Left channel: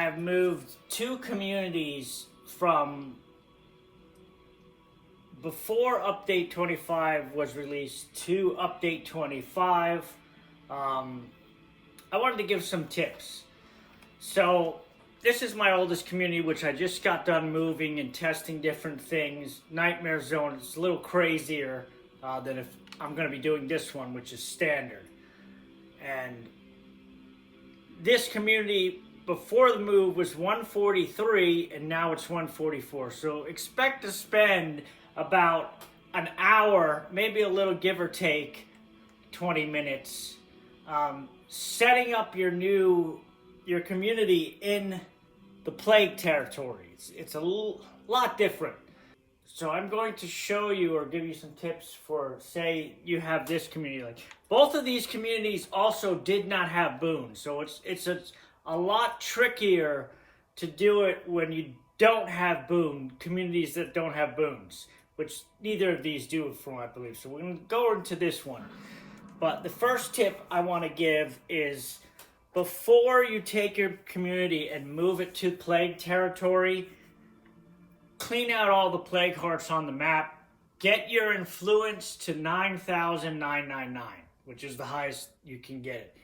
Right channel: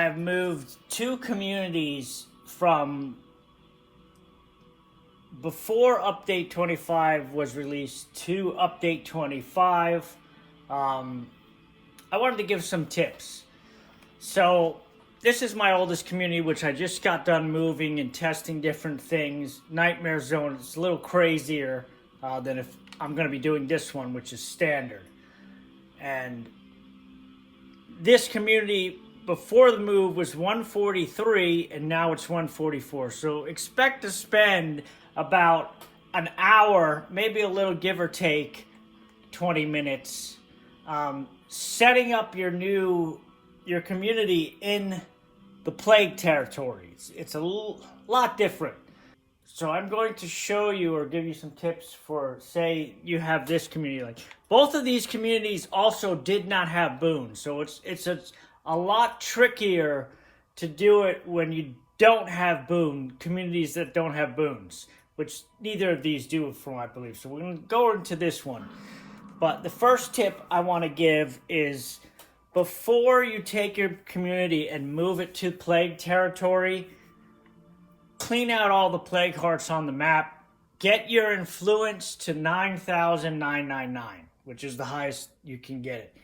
I have moved 2 communities from before Update 25 was released to Update 25. I wanted to give some tips. So this is my oldest community, which I just got done moving and testing different things. Nightmare Zone is a little crazier than if I'm going to be doing this one, which is standard. And this community before the move was 143 and now it's 144. So expect to spend about an hour, maybe a little give or take 20 minutes, setting up your community in the plague territories. It's a lot different. So I'm going to show you or give you some tips for, say you have this community. Like both of these communities also did not have boons. So it's a lot trickier to do it when you don't have communities that don't have boons, which neither of these do from I believe. So we're going to go into this one. But the first tip I want to give is before you take your community and move it to plague territory, clean out all the plague hearts on the map. Get your influence to 9,999, which is the highest you can get it.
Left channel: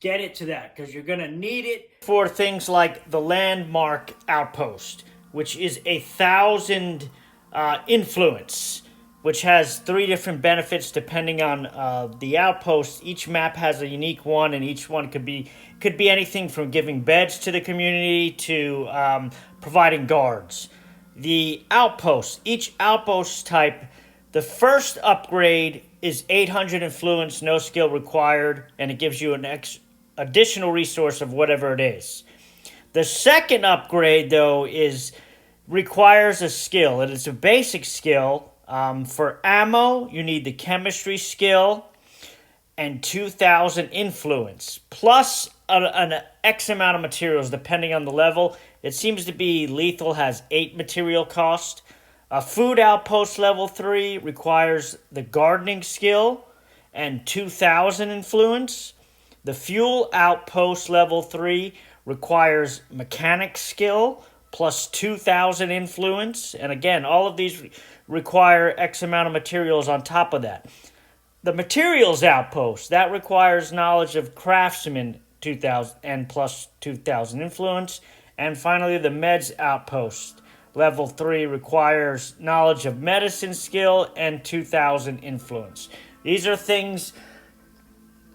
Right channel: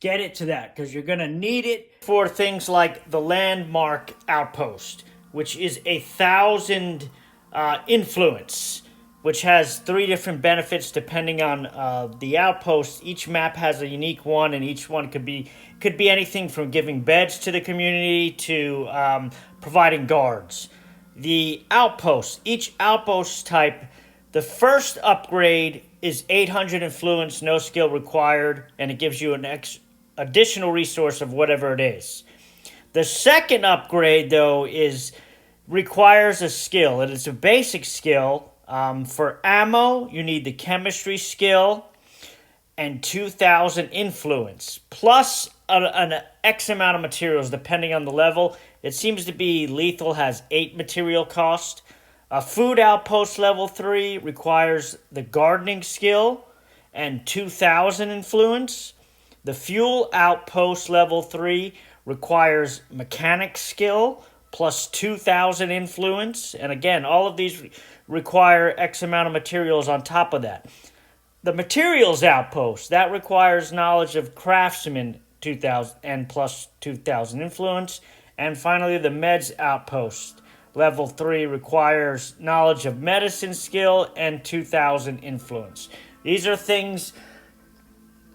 Get it to that, because you're going to need it for things like the landmark outpost, which is 1,000 influence, which has 3 different benefits depending on the outpost. Each map has a unique one, and each one could be anything from giving beds to the community to providing guards. The outposts, each outpost type, the first upgrade is 800 influence, no skill required, and it gives you an additional resource of whatever it is. The second upgrade, though, requires a skill. It is a basic skill. For ammo, you need the chemistry skill and 2,000 influence, plus an X amount of materials depending on the level. It seems to be lethal has 8 material cost. A food outpost level 3 requires the gardening skill and 2,000 influence. The fuel outpost level 3 requires mechanic skill plus 2,000 influence. And again, all of these require X amount of materials on top of that. The materials outpost, that requires knowledge of craftsman 2,000 and plus 2,000 influence. And finally, the meds outpost, level 3, requires knowledge of medicine skill and 2,000 influence. These are things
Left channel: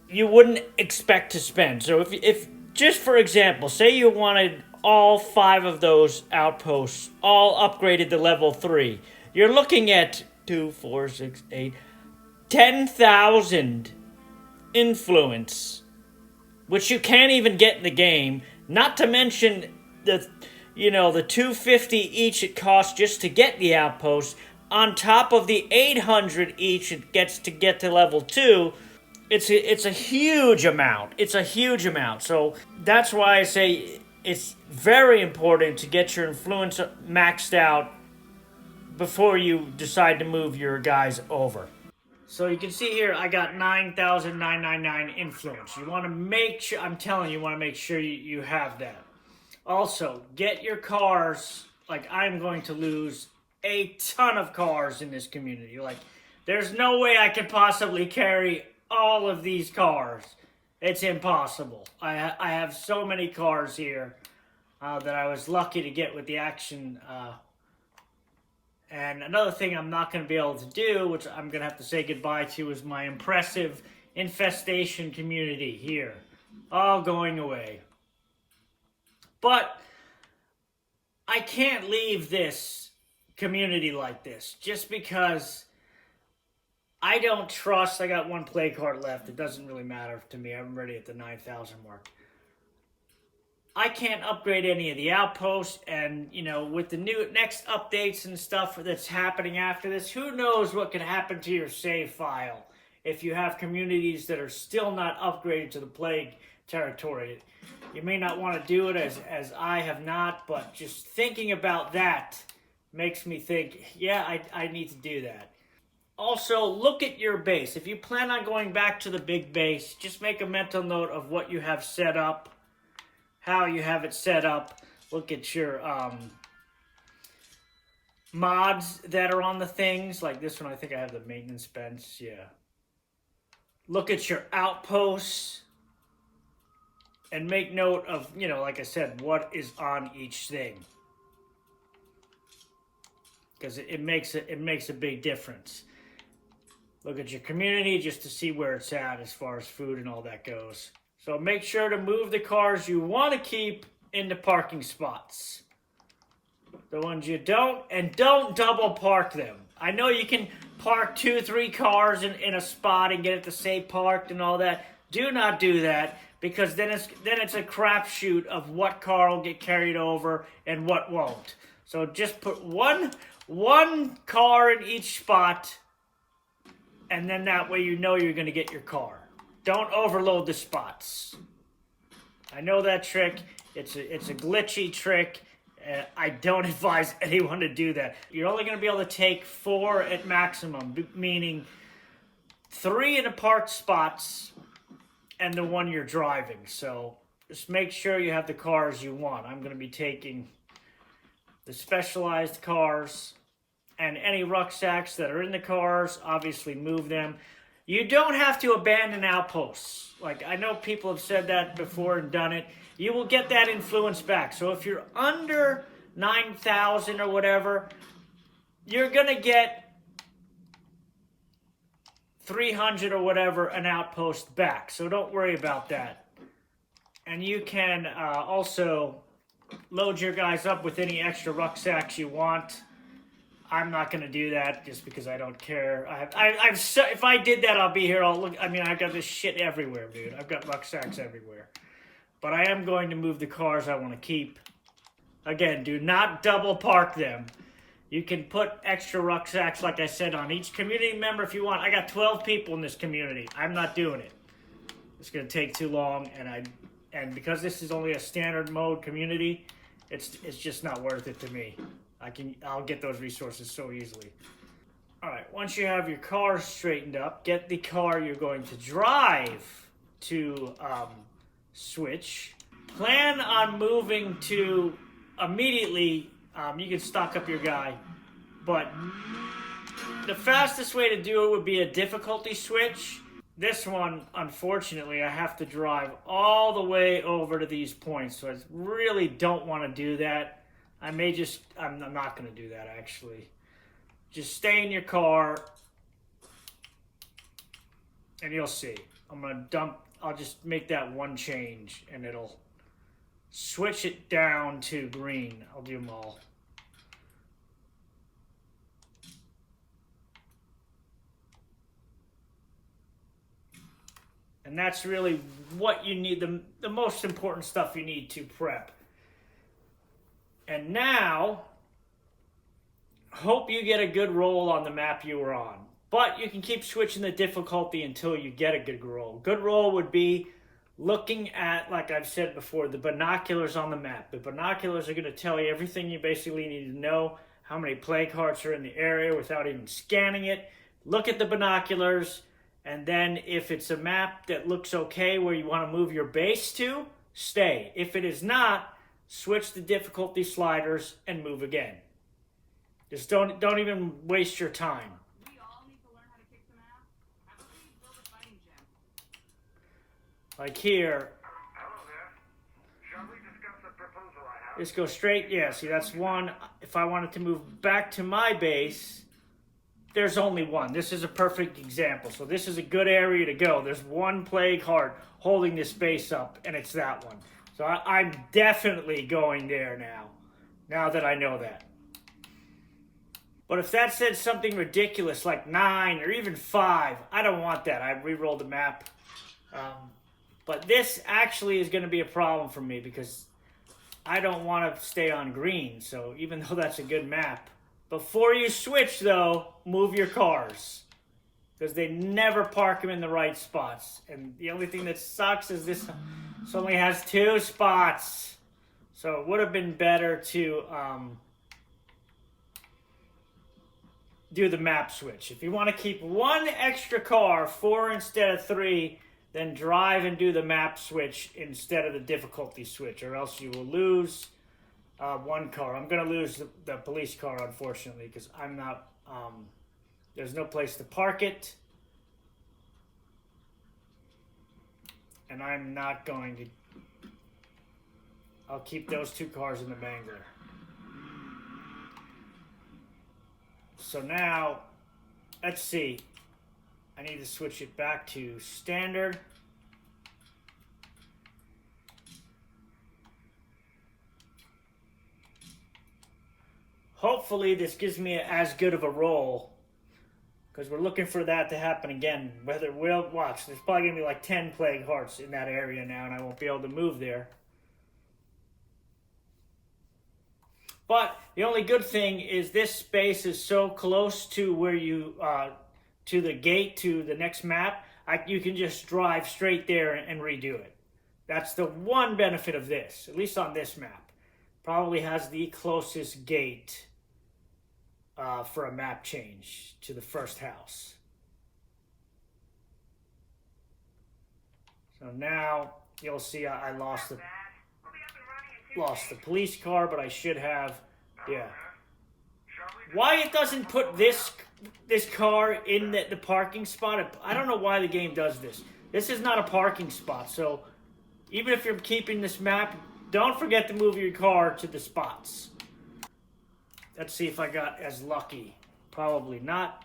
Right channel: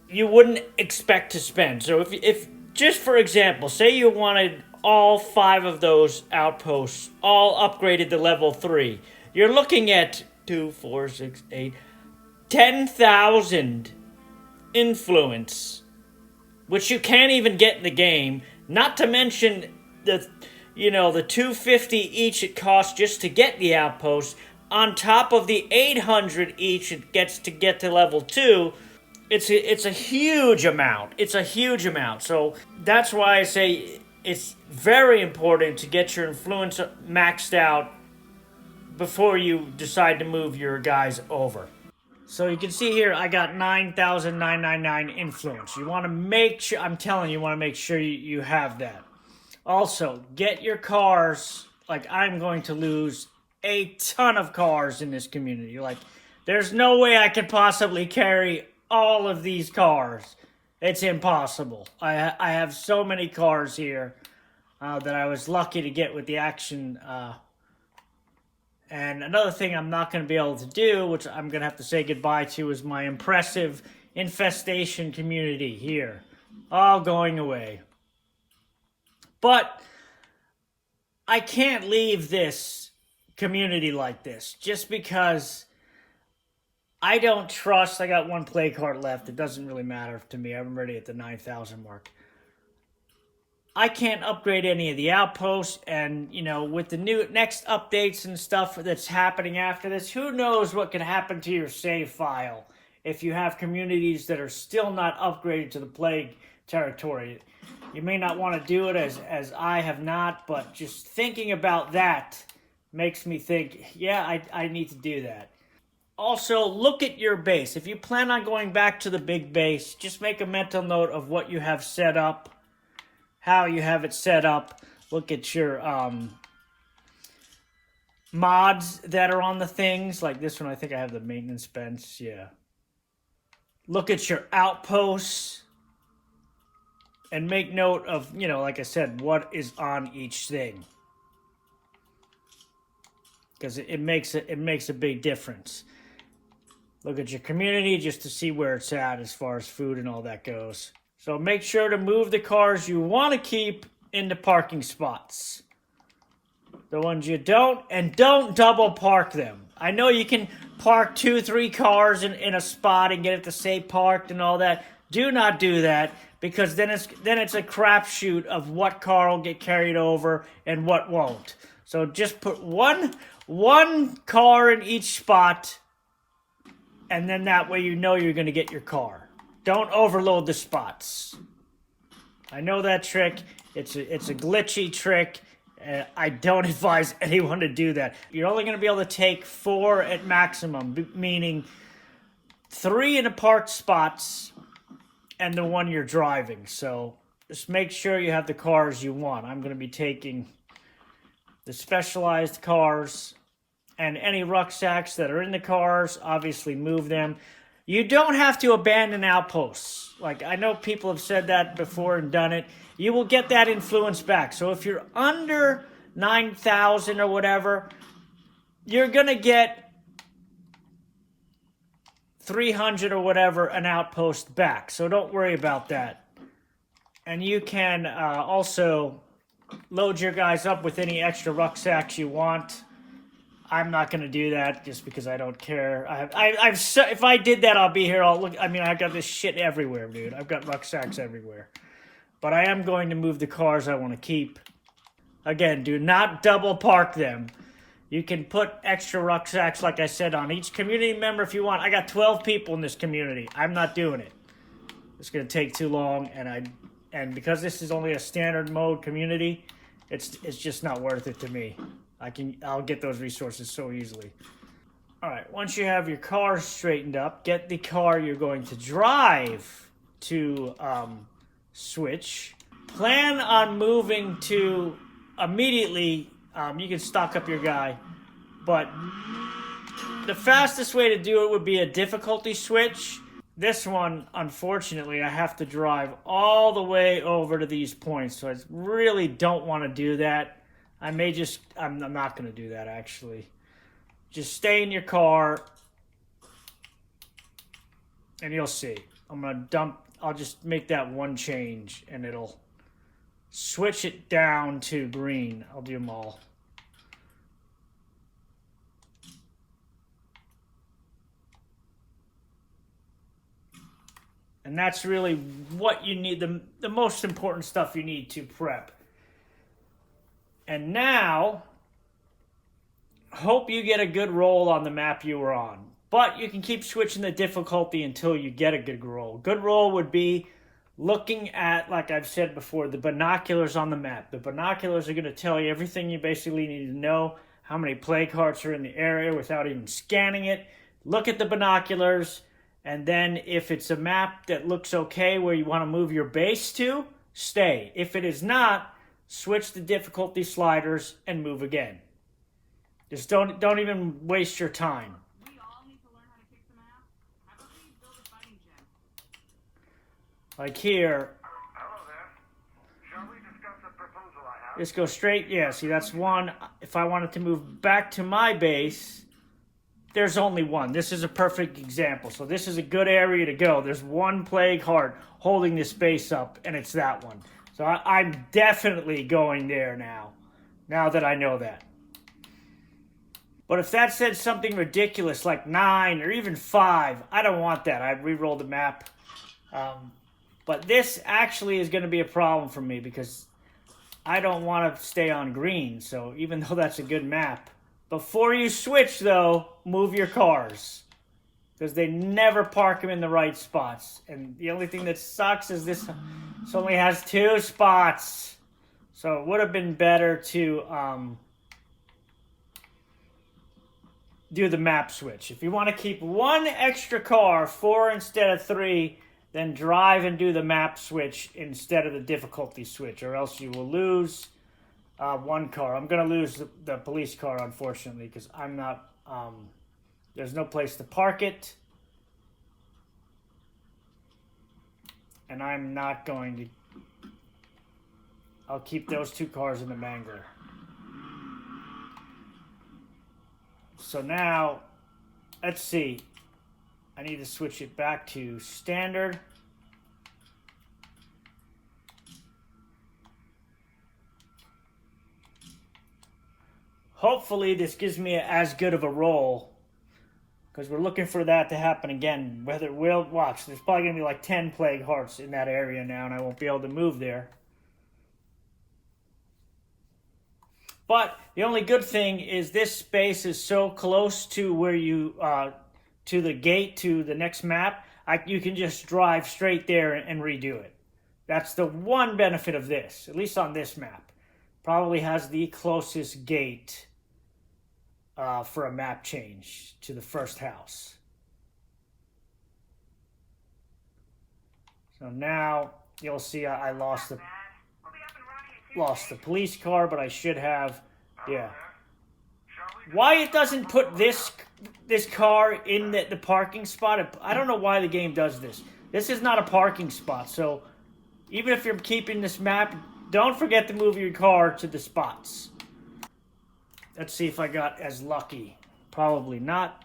you wouldn't expect to spend. So if just for example, say you wanted all 5 of those outposts all upgraded to level 3, you're looking at 10,000 influence, which you can't even get in the game, not to mention the 250 each it costs just to get the outpost, on top of the 800 each it gets to get to level 2. It's a huge amount. It's a huge amount. So that's why I say it's very important to get your influence maxed out before you decide to move your guys over. So you can see here, I got 9,999 influence. You want to make sure, I'm telling you, you want to make sure you have that. Also, get your cars, like I'm going to lose a ton of cars in this community. Like, there's no way I could possibly carry all of these cars. It's impossible. I have so many cars here that I was lucky to get with the action. And another thing I'm not going to be able to do, which I'm going to have to say goodbye to, is my impressive infestation community here. All going away. But I can't leave this community like this just because I don't trust. I got 1 plague heart left. It doesn't really matter to me. I'm already at the 9,000 mark. I can't upgrade any of the outposts, and with the next updates and stuff that's happening after this, who knows what can happen to your save file if you have communities that are still not upgraded to the plague territory. You may not want to do it as I have not, but just thinking about that makes me think, yeah, I need to do that. Also, look at your base. If you plan on going back to the big base, just make a mental note of what you have set up, how you have it set up. Look at your mods that are on the things. Like this one, I think I have the maintenance bench. Yeah. Look at your outposts. And make note of, you know, like I said, what is on each thing. Because it makes a big difference. Look at your community just to see where it's at as far as food and all that goes. So make sure to move the cars you want to keep into parking spots. The ones you don't, and don't double park them. I know you can park 2-3 cars in a spot and get it to say parked and all that. Do not do that, because then it's a crapshoot of what car will get carried over and what won't. So just put one car in each spot, and then that way you know you're going to get your car. Don't overload the spots. I know that trick. It's a glitchy trick. I don't advise anyone to do that. You're only going to be able to take 4 at maximum, meaning 3 in the parked spots and the one you're driving. So just make sure you have the cars you want. I'm going to be taking the specialized cars, and any rucksacks that are in the cars, obviously move them. You don't have to abandon outposts. Like, I know people have said that before and done it. You will get that influence back. So if you're under 9,000 or whatever, you're going to get 300 or whatever an outpost back. So don't worry about that. And you can also load your guys up with any extra rucksacks you want. I'm not going to do that just because I don't care. If I did that, I'll be here. I've got this shit everywhere, dude. I've got rucksacks everywhere. But I am going to move the cars I want to keep. Again, do not double park them. You can put extra rucksacks, like I said, on each community member if you want. I got 12 people in this community. I'm not doing it. It's going to take too long, and because this is only a standard mode community, it's just not worth it to me. I'll get those resources so easily. All right, once you have your car straightened up, get the car you're going to drive to switch. Plan on moving to immediately. You can stock up your guy, but the fastest way to do it would be a difficulty switch. This one, unfortunately, I have to drive all the way over to these points, so I really don't want to do that. I'm not going to do that, actually. Just stay in your car, and you'll see. I'll just make that one change, and it'll switch it down to green. I'll do them all. And that's really what you need, the most important stuff you need to prep. And now, hope you get a good roll on the map you were on. But you can keep switching the difficulty until you get a good roll. Good roll would be looking at, like I've said before, the binoculars on the map. The binoculars are going to tell you everything you basically need to know, how many play carts are in the area without even scanning it. Look at the binoculars, and then if it's a map that looks okay where you want to move your base to, stay. If it is not, switch the difficulty sliders and move again. Just don't even waste your time. We all need to learn how to kick some ass. How about we build a fighting gym? Like here. Hello there. Shall we discuss the proposal I have? Just go straight. Yeah, see, that's one. If I wanted to move back to my base, there's only one. This is a perfect example. So this is a good area to go. There's one plague heart holding this base up, and it's that one. So I'm definitely going there now that I know that. But if that said something ridiculous like 9 or even 5, I don't want that. I re-rolled the map. But this actually is going to be a problem for me because I don't want to stay on green. So even though that's a good map, before you switch though, move your cars. Because they never park them in the right spots. And the only thing that sucks is this only has 2 spots. So it would have been better to do the map switch. If you want to keep 1 extra car, 4 instead of 3, then drive and do the map switch instead of the difficulty switch, or else you will lose one car. I'm gonna lose the police car, unfortunately, because I'm not. There's no place to park it, and I'm not going to. I'll keep those 2 cars in the mangler. So now, let's see. I need to switch it back to standard. Hopefully this gives me as good of a roll, because we're looking for that to happen again. Whether we'll watch, there's probably going to be like 10 plague hearts in that area now, and I won't be able to move there. But the only good thing is this space is so close to where you, to the gate to the next map, you can just drive straight there and redo it. That's the one benefit of this, at least on this map. Probably has the closest gate for a map change to the first house. So now you'll see I lost the police car, but I should have, yeah. Why it doesn't put this car in the parking spot, I don't know why the game does this. This is not a parking spot, so even if you're keeping this map, don't forget to move your car to the spots. Let's see if I got as lucky. Probably not.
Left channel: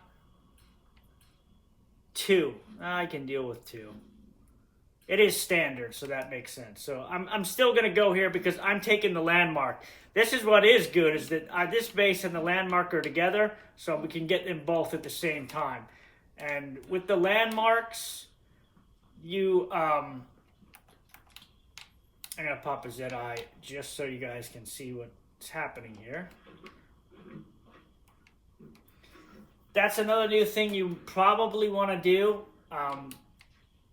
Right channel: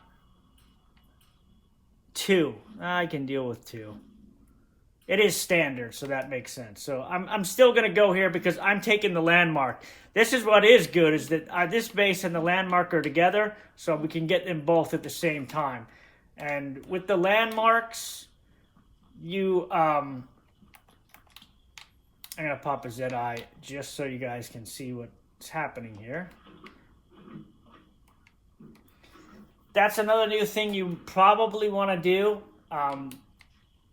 2. I can deal with 2. It is standard, so that makes sense. So I'm still going to go here because I'm taking the landmark. This is what is good, is that this base and the landmark are together, so we can get them both at the same time. And with the landmarks, I'm going to pop a ZI just so you guys can see what's happening here. That's another new thing you probably want to do,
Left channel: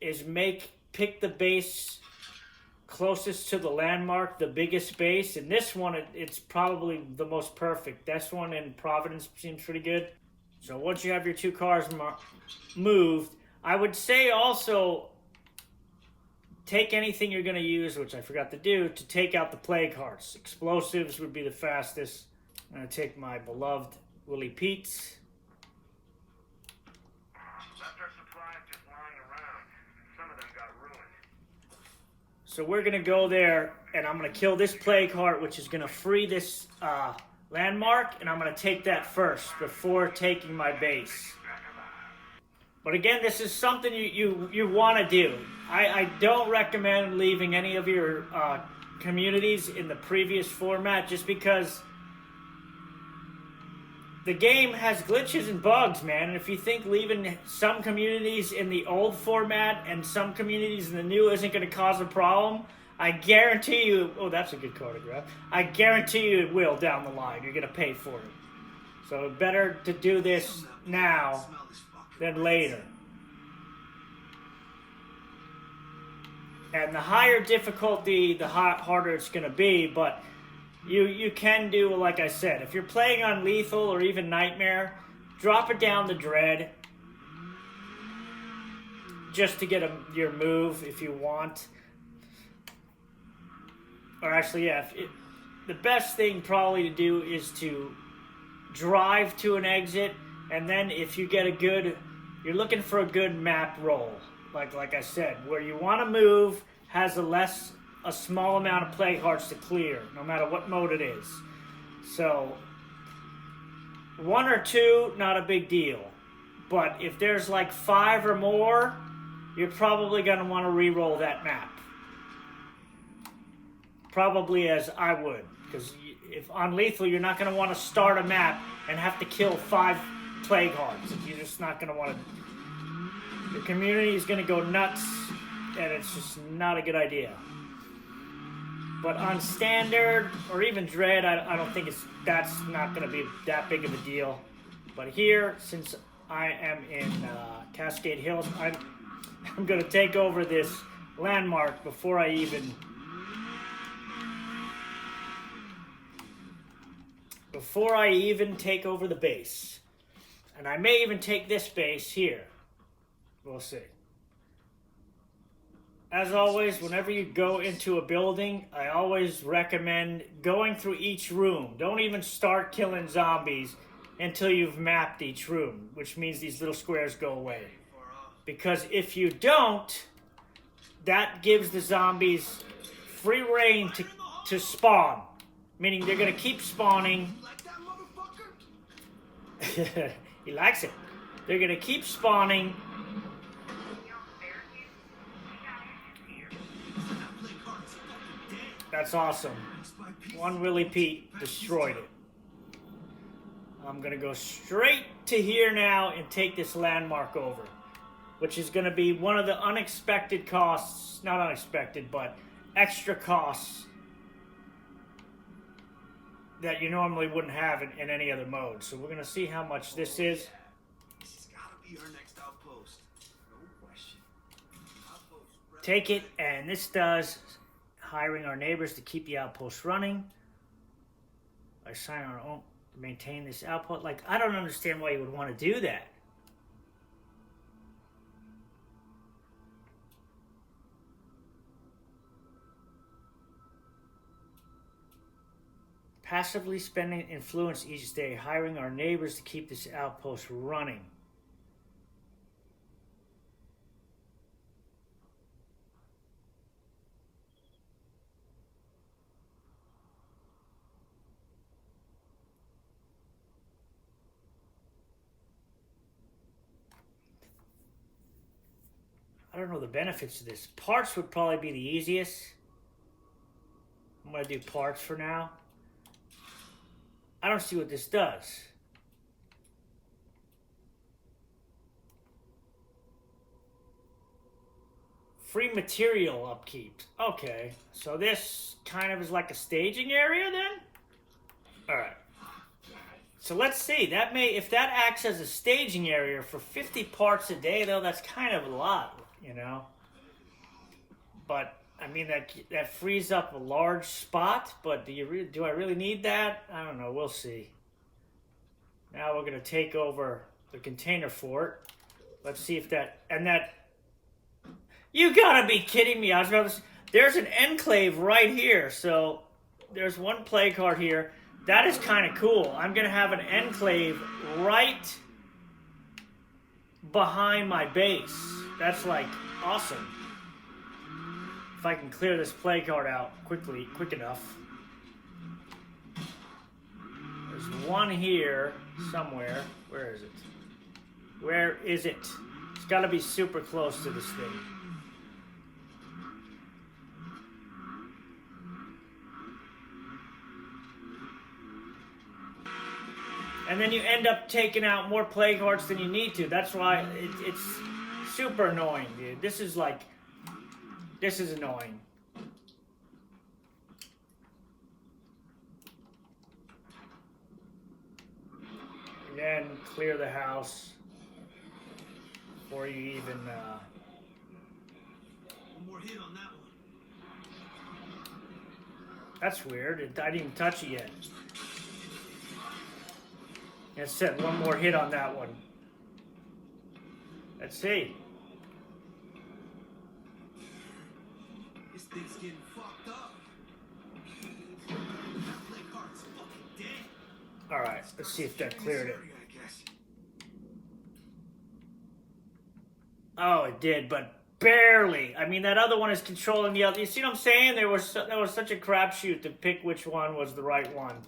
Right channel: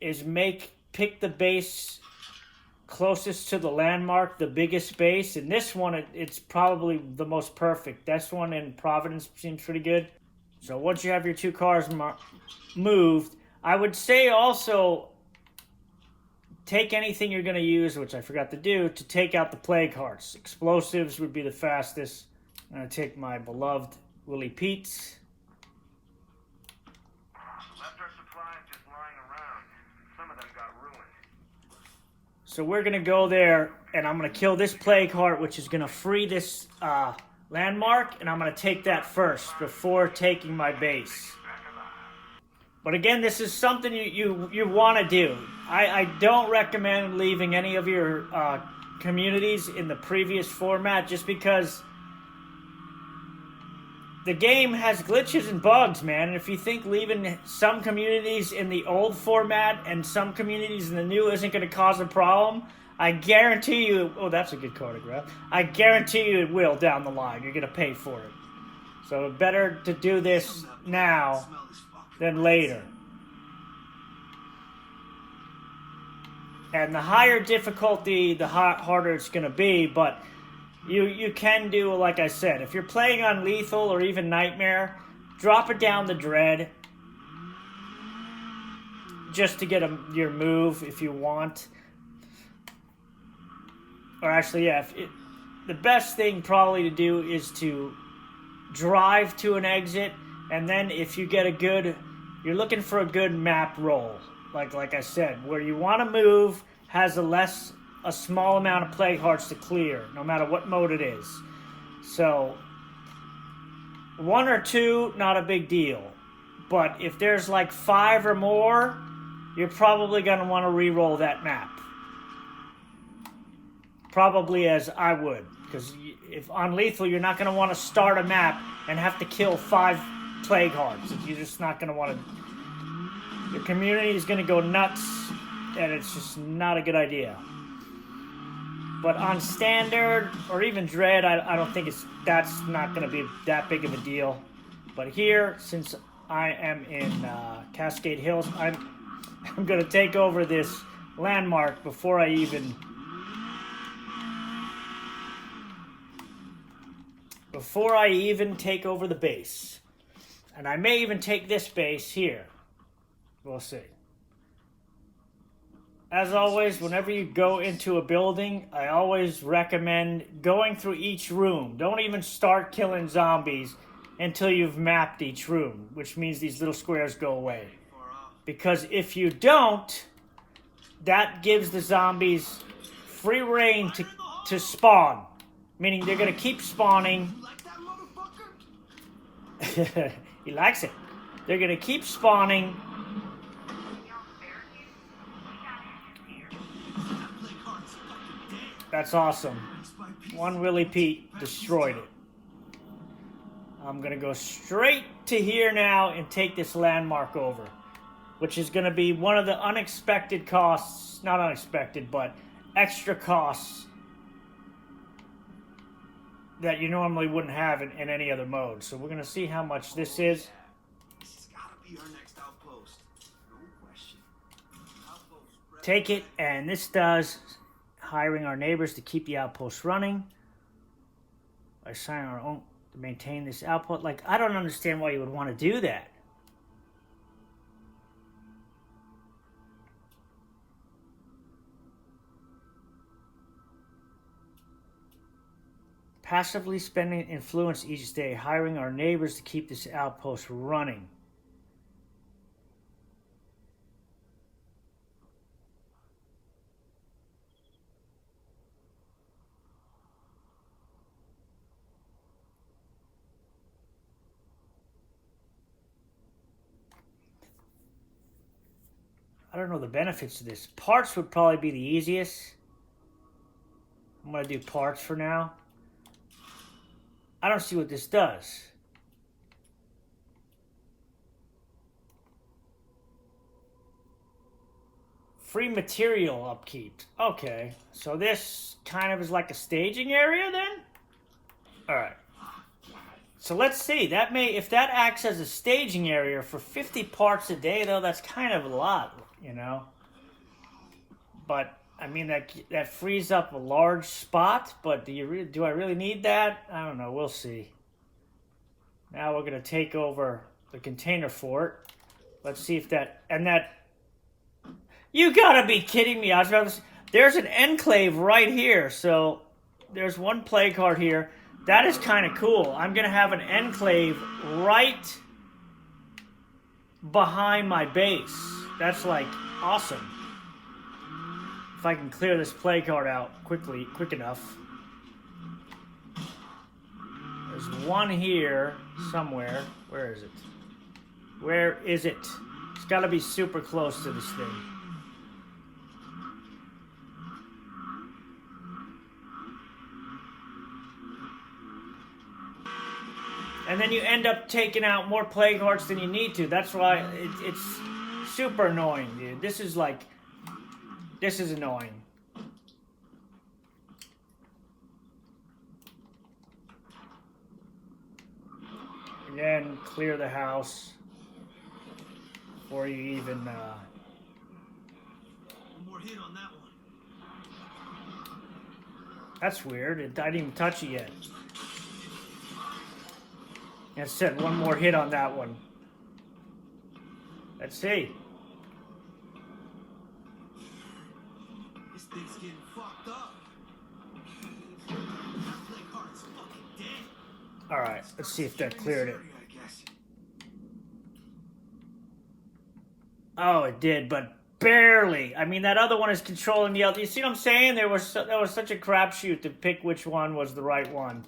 is pick the base closest to the landmark, the biggest base. And this one, it's probably the most perfect. This one in Providence seems pretty good. So once you have your 2 cars moved, I would say also take anything you're going to use, which I forgot to do, to take out the plague hearts. Explosives would be the fastest. I'm going to take my beloved Willie Pete's. Left our supplies just lying around. Some of them got ruined. So we're going to go there, and I'm going to kill this plague heart, which is going to free this landmark, and I'm going to take that first before taking my base. But again, this is something you want to do. I don't recommend leaving any of your communities in the previous format, just because the game has glitches and bugs, man. And if you think leaving some communities in the old format and some communities in the new isn't going to cause a problem, I guarantee you... Oh, that's a good card to grab. I guarantee you it will down the line. You're going to pay for it. So better to do this now than later. And the higher difficulty, the harder it's going to be, but you can do, like I said, if you're playing on Lethal or even Nightmare, drop it down to Dread just to get your move if you want. Or actually, yeah, the best thing probably to do is to drive to an exit, and then if you get you're looking for a good map roll. Like I said, where you want to move has a small amount of plague hearts to clear, no matter what mode it is. So 1 or 2, not a big deal. But if there's like 5 or more, you're probably going to want to re-roll that map. Probably as I would, because if on Lethal, you're not going to want to start a map and have to kill 5 plague hearts. You're just not going to want to. Your community is going to go nuts, and it's just not a good idea. But on standard or even Dread, I don't think that's not going to be that big of a deal. But here, since I am in Cascade Hills, I'm going to take over this landmark before I even take over the base. And I may even take this base here. We'll see. as always, whenever you go into a building, I always recommend going through each room. Don't even start killing zombies until you've mapped each room, which means these little squares go away. Because if you don't, that gives the zombies free reign to spawn. Meaning they're going to keep spawning. He likes it. They're going to keep spawning. That's awesome. One Willie Pete destroyed it. I'm going to go straight to here now and take this landmark over, which is going to be one of the unexpected costs, not unexpected, but extra costs that you normally wouldn't have in any other mode. So we're going to see how much this is. This has got to be our next outpost. No question. Take it, and this does hiring our neighbors to keep the outpost running. By assigning our own to maintain this outpost. Like, I don't understand why you would want to do that. Passively spending influence each day, hiring our neighbors to keep this outpost running. I don't know the benefits of this. Parts would probably be the easiest. I'm going to do parts for now. I don't see what this does. Free material upkeep. Okay, so this kind of is like a staging area then? Alright. So let's see. That may, if that acts as a staging area for 50 parts a day, though, that's kind of a lot, you know? But I mean, that frees up a large spot, but do I really need that? I don't know. We'll see. Now we're going to take over the container fort. Let's see if that... And that... You gotta be kidding me. There's an enclave right here. So there's one play card here. That is kind of cool. I'm going to have an enclave right behind my base. That's like awesome. If I can clear this play card out quick enough. There's one here somewhere. Where is it? Where is it? It's got to be super close to this thing. And then you end up taking out more play cards than you need to. That's why it's super annoying, dude. This is annoying. Again, clear the house before you even... One more hit on that one. That's weird. I didn't even touch it yet. It said one more hit on that one. Let's see. This thing's getting fucked up. That play card's fucking dead. Alright, let's see if that cleared it. Oh, it did, but barely. I mean, that other one is controlling the other. You see what I'm saying? That was such a crapshoot to pick which one was the right one.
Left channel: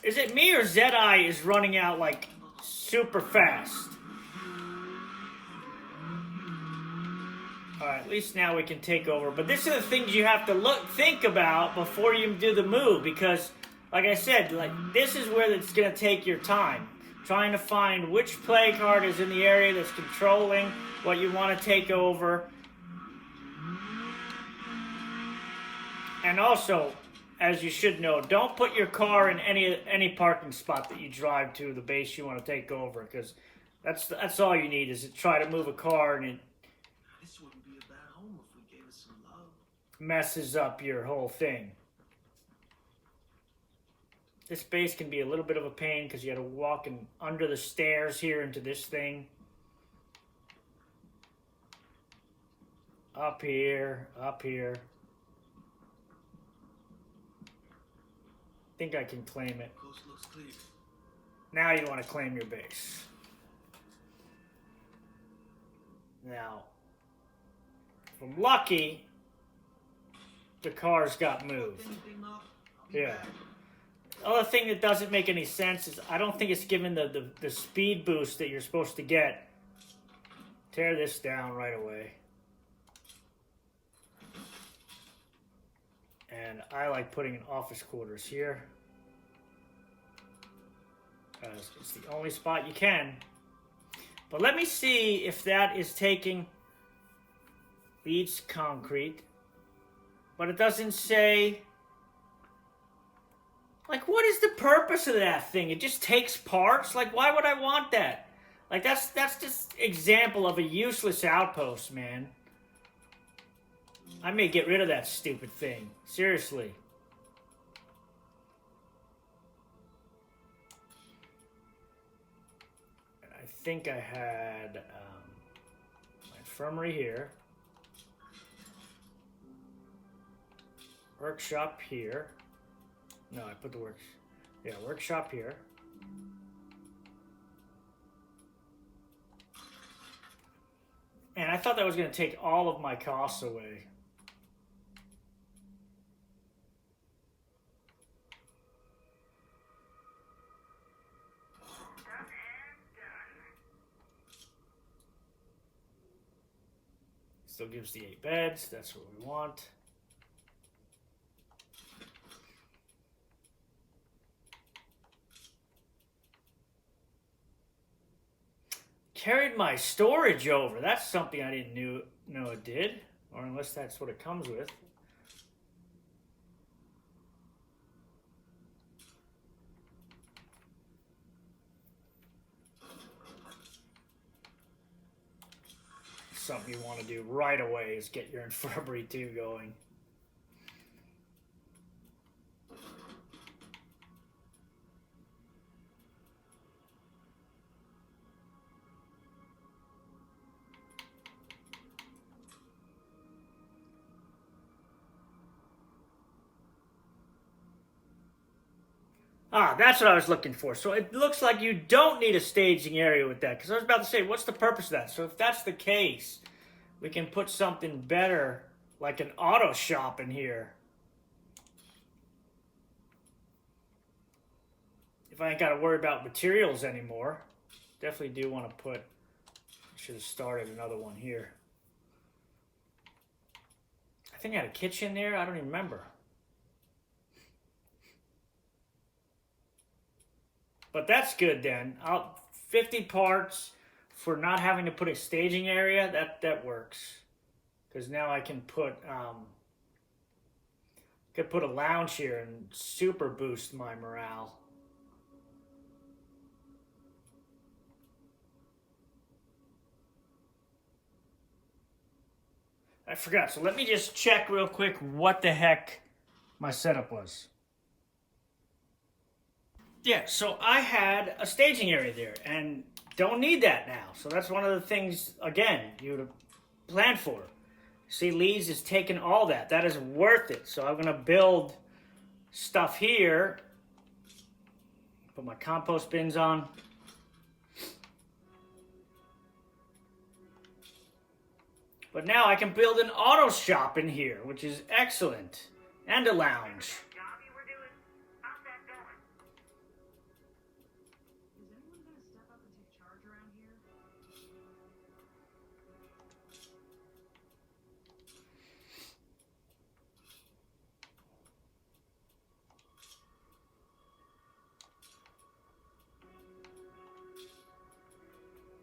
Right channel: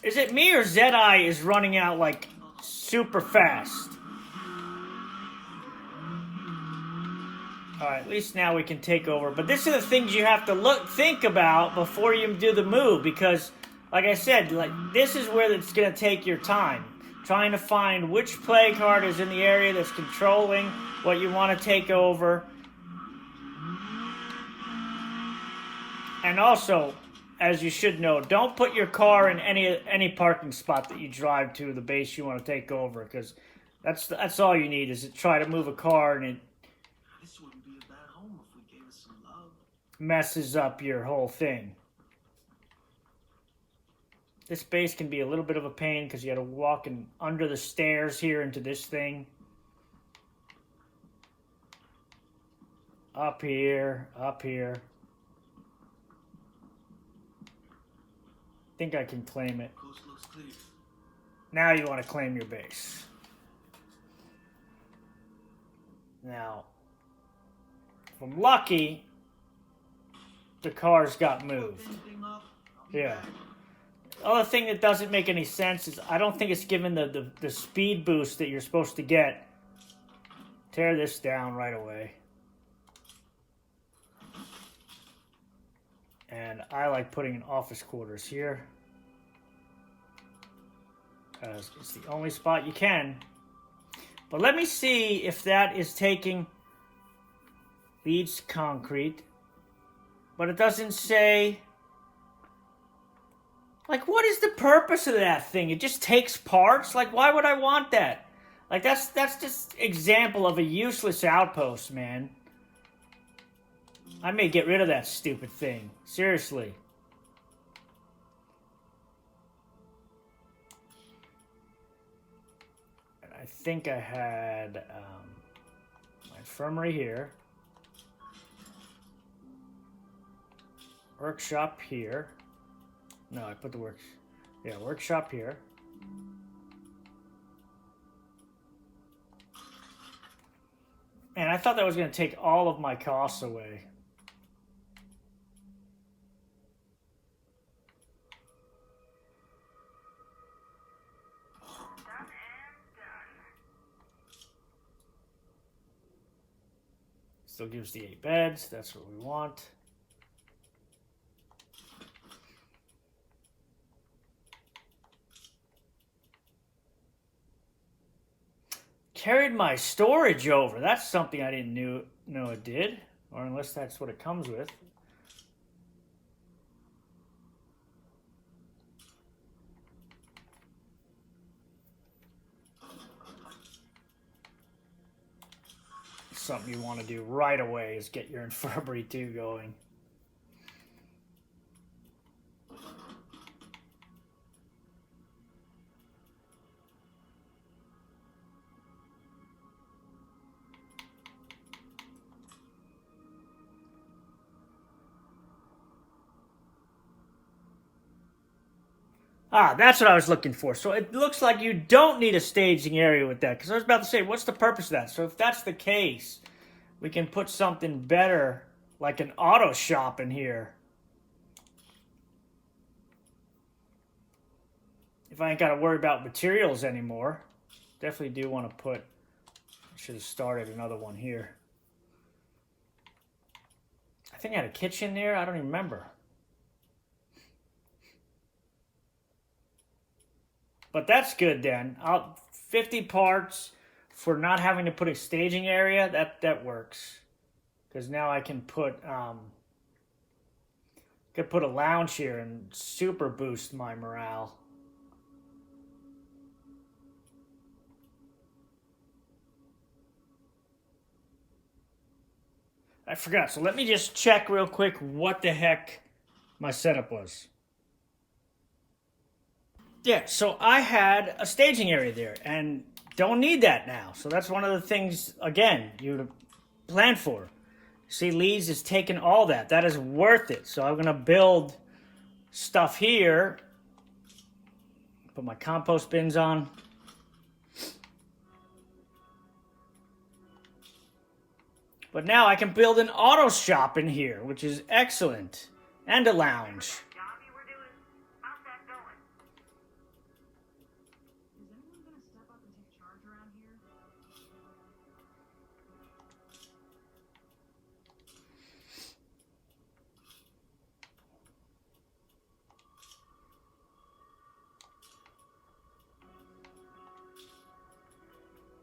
Is it me or Zedeye is running out like super fast? Alright, at least now we can take over. But this are the things you have to think about before you do the move. Because, like I said, this is where it's going to take your time. Trying to find which play card is in the area that's controlling what you want to take over. And also, as you should know, don't put your car in any parking spot that you drive to the base you want to take over. Because that's all you need is to try to move a car and it This wouldn't be a bad home if we gave us some love. messes up your whole thing. This base can be a little bit of a pain because you got to walk under the stairs here into this thing. Up here, up here. Think I can claim it. Coast looks clear. Now you want to claim your base. Now, if I'm lucky, the cars got moved. Anything up? I'll be Yeah. back. Other thing that doesn't make any sense is I don't think it's given the speed boost that you're supposed to get. Tear this down right away. And I like putting in office quarters here. Because it's the only spot you can. But let me see if that is taking leads concrete. But it doesn't say... Like, what is the purpose of that thing? It just takes parts? Like, why would I want that? Like, that's just example of a useless outpost, man. I may get rid of that stupid thing. Seriously. And I think I had my infirmary here. Workshop here. No, I put the workshop here. And I thought that was going to take all of my costs away. Done and done. Still gives the 8 beds. That's what we want. Carried my storage over. That's something I didn't know it did. Or unless that's what it comes with. Something you want to do right away is get your infirmary 2 going. Ah, that's what I was looking for. So it looks like you don't need a staging area with that. Because I was about to say, what's the purpose of that? So if that's the case, we can put something better, like an auto shop in here. If I ain't got to worry about materials anymore. Definitely do want to put, I should have started another one here. I think I had a kitchen there. I don't even remember. But that's good then. 50 parts for not having to put a staging area. That works. Because now I can put a lounge here and super boost my morale. I forgot. So let me just check real quick what the heck my setup was. Yeah, so I had a staging area there, and don't need that now. So that's one of the things, again, you would plan for. See, Lee's is taking all that. That is worth it. So I'm going to build stuff here. Put my compost bins on. But now I can build an auto shop in here, which is excellent. And a lounge. Job you were doing, how's that going? Is anyone gonna step up and take charge around here?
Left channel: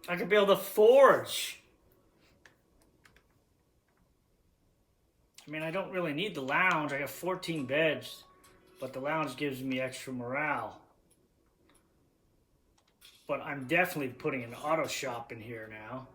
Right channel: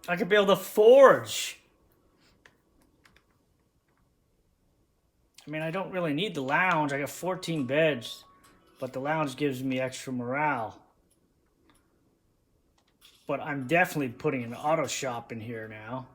I could build a forge. I mean, I don't really need the lounge. I got 14 beds, but the lounge gives me extra morale. But I'm definitely putting an auto shop in here now.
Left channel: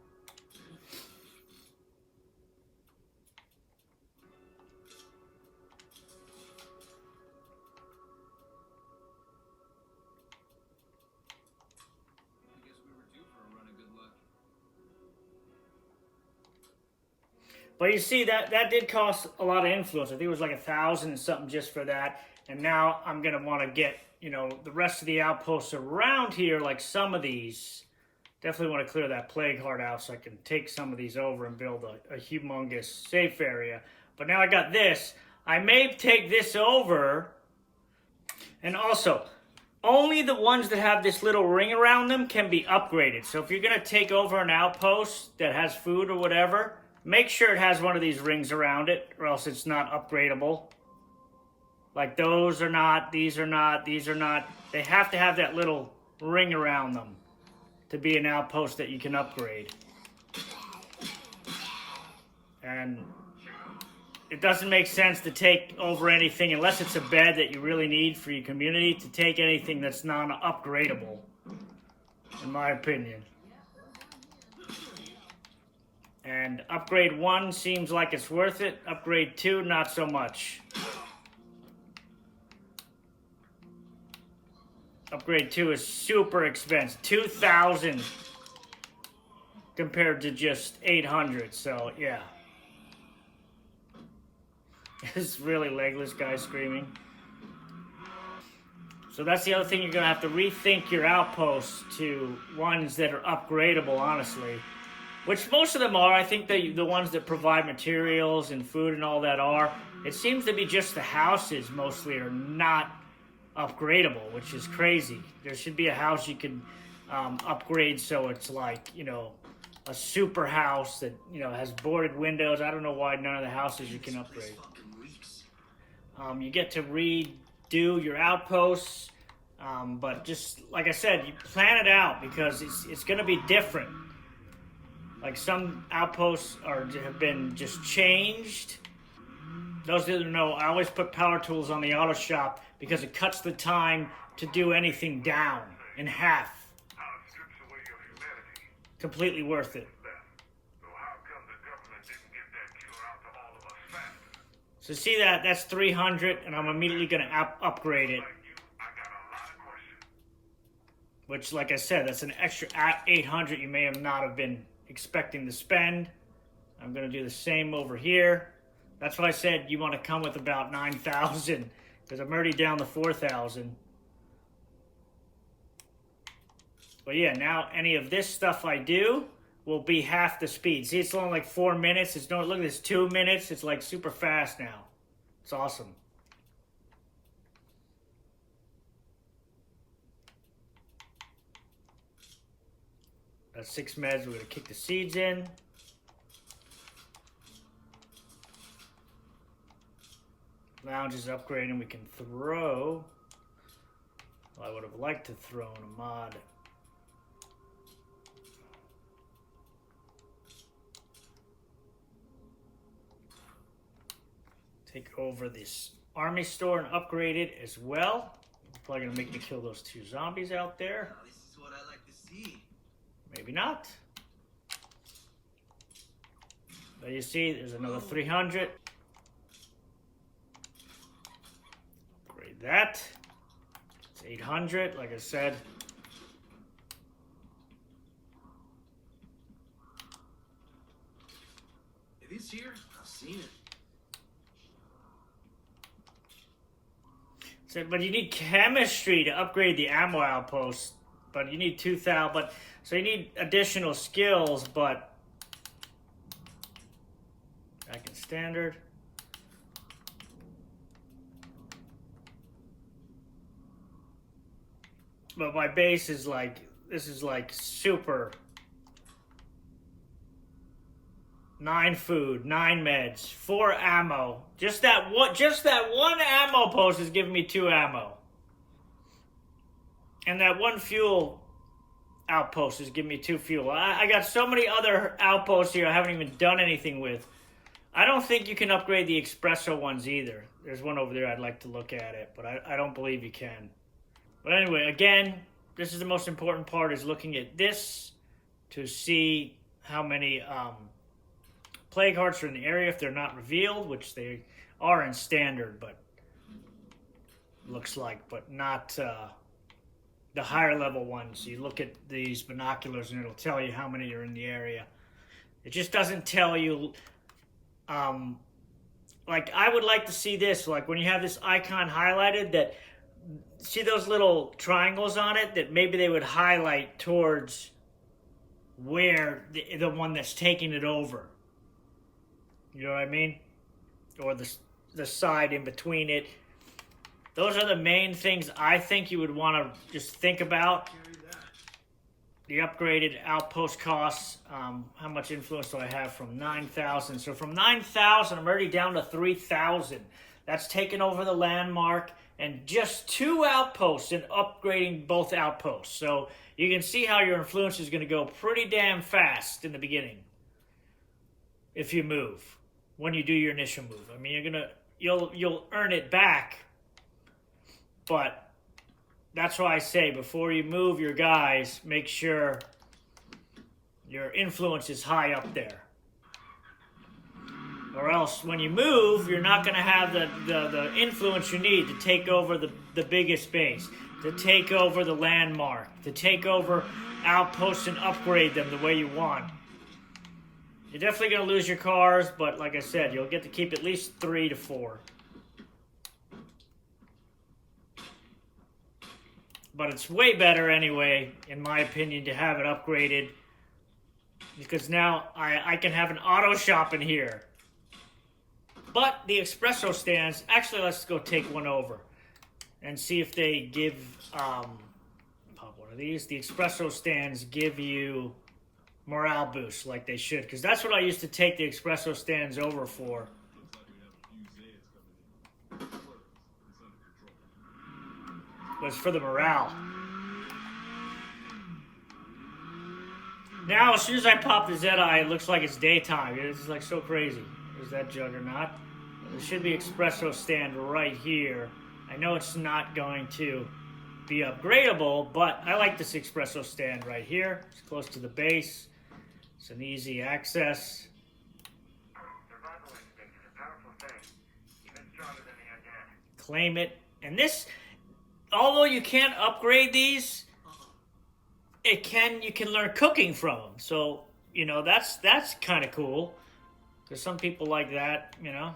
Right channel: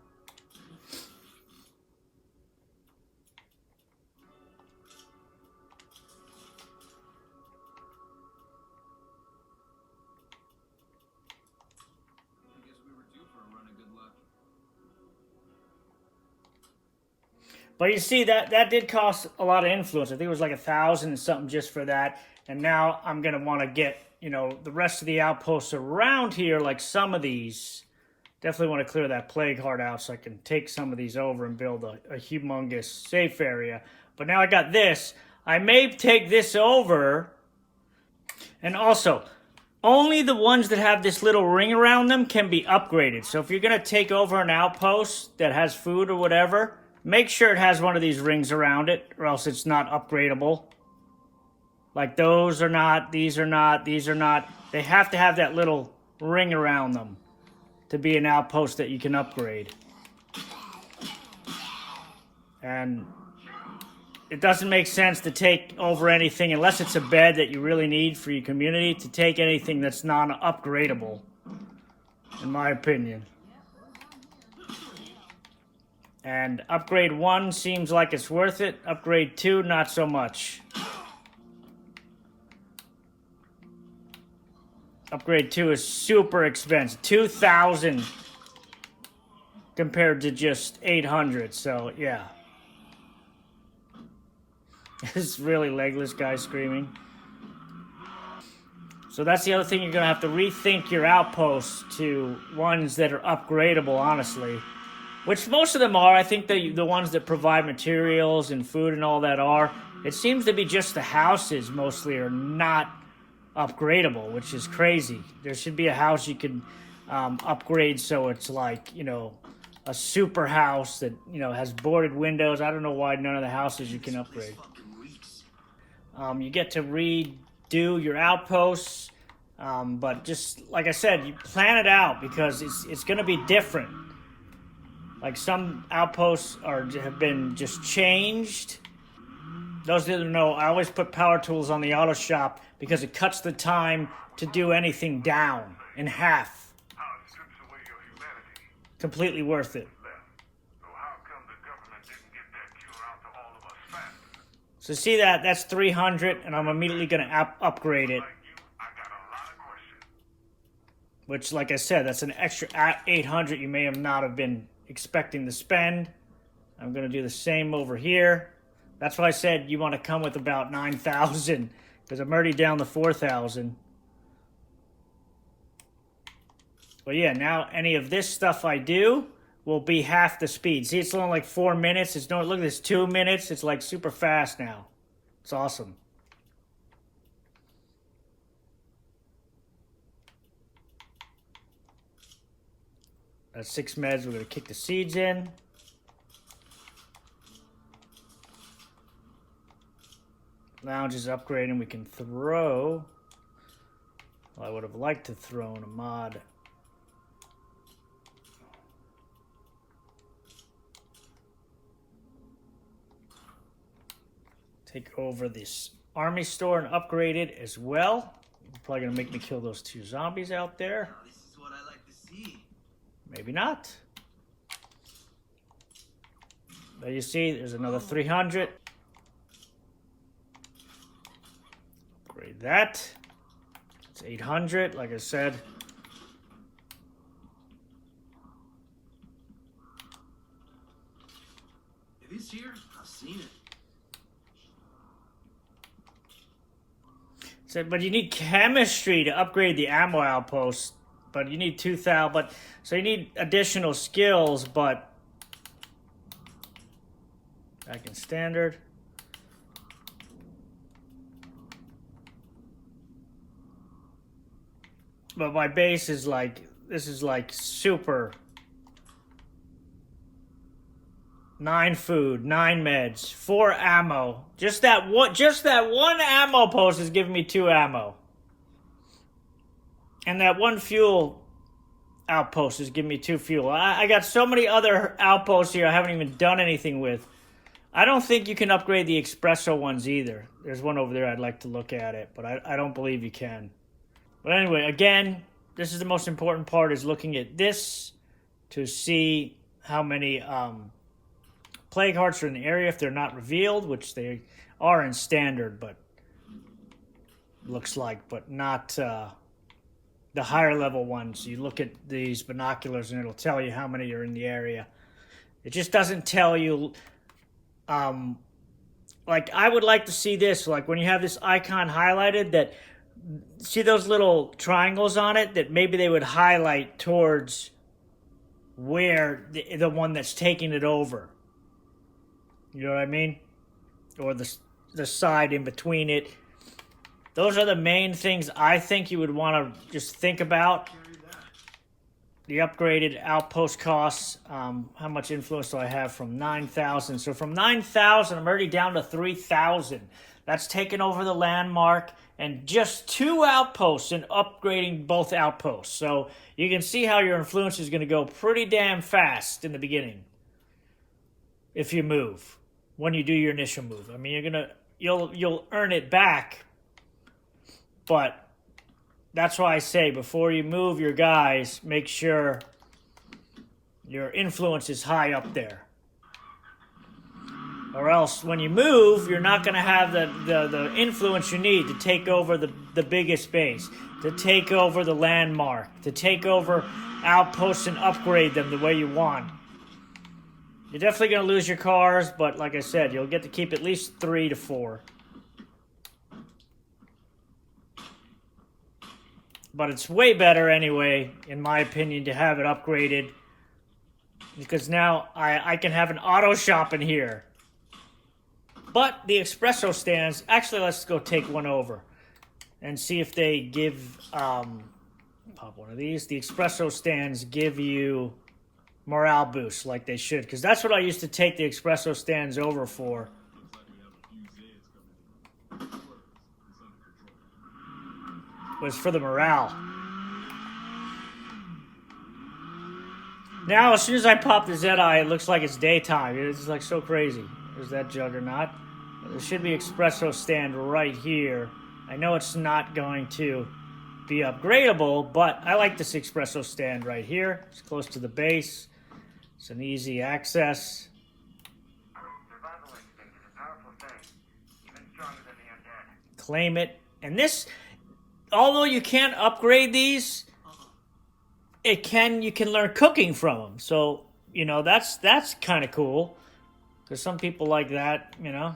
But you see, that did cost a lot of influence. I think it was like 1,000 and something just for that. And now I'm going to want to get, you know, the rest of the outposts around here, like some of these. Definitely want to clear that plague heart out so I can take some of these over and build a humongous safe area. But now I got this. I may take this over. And also, only the ones that have this little ring around them can be upgraded. So if you're going to take over an outpost that has food or whatever, make sure it has one of these rings around it, or else it's not upgradable. Like those are not, these are not, these are not. They have to have that little ring around them to be an outpost that you can upgrade. And it doesn't make sense to take over anything unless it's a bed that you really need for your community, to take anything that's non-upgradable, in my opinion. And upgrade 1 seems like it's worth it. Upgrade 2, not so much. Upgrade 2 is super expensive. 2,000 compared to just 800. So, yeah. This really legless guy screaming. So that's the other thing. You're going to have to rethink your outposts to ones that are upgradable, honestly. Which most of them are. I think the ones that provide materials and food and all that are. It seems to be just the houses mostly are not upgradable, which is crazy. There should be a house you can upgrade so it's like, you know, a super house that, you know, has boarded windows. I don't know why none of the houses you can upgrade. You get to redo your outposts, but just like I said, you plan it out because it's going to be different. Like some outposts have been just changed. Those that don't know, I always put power tools on the auto shop because it cuts the time to do anything down in half. How it strips away your humanity. Completely worth it. So how come the government didn't get that cure out to all of us faster? So see that's 300, and I'm immediately going to upgrade it. Like you, I got a lot of questions. Which, like I said, that's an extra 800 you may have not have been expecting to spend. I'm going to do the same over here. That's why I said you want to come with about 9,000, because I'm already down to 4,000. But yeah, now any of this stuff I do will be half the speed. See, it's only like 4 minutes. Look at this, 2 minutes. It's like super fast now. It's awesome. That's 6 meds. We're going to kick the seeds in. Lounge is upgrading. We can throw. Well, I would have liked to throw in a mod. Take over this army store and upgrade it as well. You're probably going to make me kill those 2 zombies out there. This is what I like to see. Maybe not. There you see, there's another 300. Upgrade that. It's 800, like I said. It is here. I've seen it. So, but you need chemistry to upgrade the ammo outpost. But you need 2,000. So you need additional skills, but back in standard. But my base is like, this is like super. 9 food, 9 meds, 4 ammo. Just that one ammo post is giving me 2 ammo. And that 1 fuel outpost is giving me 2 fuel. I got so many other outposts here I haven't even done anything with. I don't think you can upgrade the espresso ones either. There's one over there, I'd like to look at it, but I don't believe you can. But anyway, again, this is the most important part, is looking at this to see how many plague hearts are in the area if they're not revealed, which they are in standard, but looks like, but not the higher level ones. You look at these binoculars and it'll tell you how many are in the area. It just doesn't tell you Like, I would like to see this, like when you have this icon highlighted, that see those little triangles on it, that maybe they would highlight towards where the one that's taking it over. You know what I mean? Or the side in between it. Those are the main things I think you would want to just think about. The upgraded outpost costs. How much influence do I have from 9,000? So from 9,000, I'm already down to 3,000. That's taken over the landmark and just 2 outposts and upgrading both outposts. So you can see how your influence is going to go pretty damn fast in the beginning if you move. When you do your initial move, I mean, you'll earn it back, but that's why I say before you move your guys, make sure your influence is high up there, or else when you move, you're not going to have the influence you need to take over the biggest base, to take over the landmark, to take over outposts and upgrade them the way you want. You're definitely going to lose your cars, but like I said, you'll get to keep at least 3 to 4. But it's way better anyway, in my opinion, to have it upgraded. Because now I can have an auto shop in here. But the espresso stands, actually let's go take one over. And see if they give, pop one of these. The espresso stands give you morale boost like they should, because that's what I used to take the espresso stands over for. Was for the morale. Now as soon as I pop the Zedi, it looks like it's daytime. It's like so crazy. There's that juggernaut. There should be espresso stand right here. I know it's not going to be upgradable, but I like this espresso stand right here. It's close to the base. It's an easy access. Survival instinct is a powerful thing, even stronger than the undead. Claim it. And this, although you can't upgrade these, you can learn cooking from them. So, you know, that's kind of cool. Because some people like that, you know.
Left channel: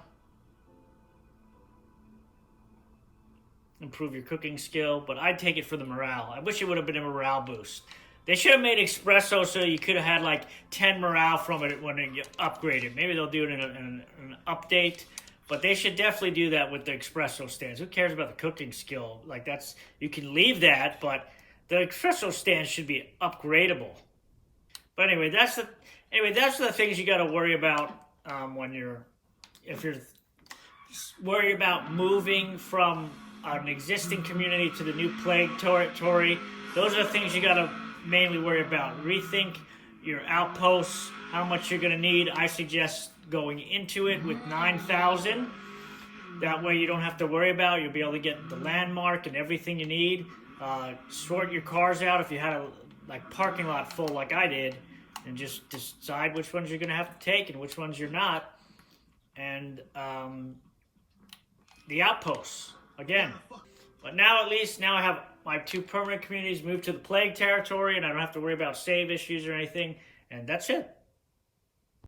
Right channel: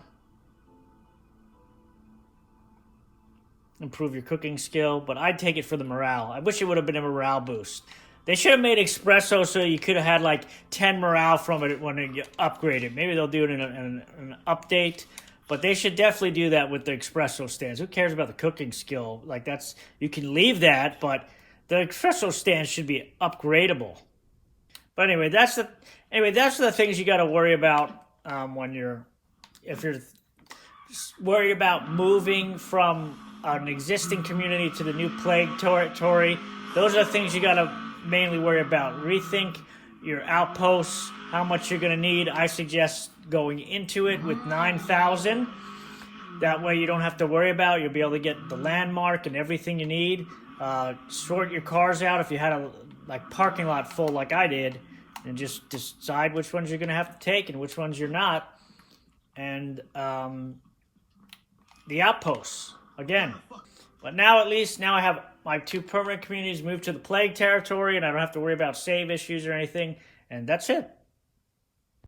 Improve your cooking skill, but I'd take it for the morale. I wish it would have been a morale boost. They should have made espresso so you could have had like 10 morale from it when you upgrade it. Maybe they'll do it in an update, but they should definitely do that with the espresso stands. Who cares about the cooking skill? Like that's, you can leave that, but the espresso stands should be upgradable. But anyway, that's the things you got to worry about if you're worried about moving from an existing community to the new plague territory. Those are the things you got to mainly worry about. Rethink your outposts, how much you're going to need. I suggest going into it with 9,000. That way you don't have to worry about it. You'll be able to get the landmark and everything you need. Sort your cars out if you had a parking lot full like I did, and just decide which ones you're going to have to take and which ones you're not. And the outposts, again. But now at least, now I have my 2 permanent communities moved to the plague territory, and I don't have to worry about save issues or anything. And that's it.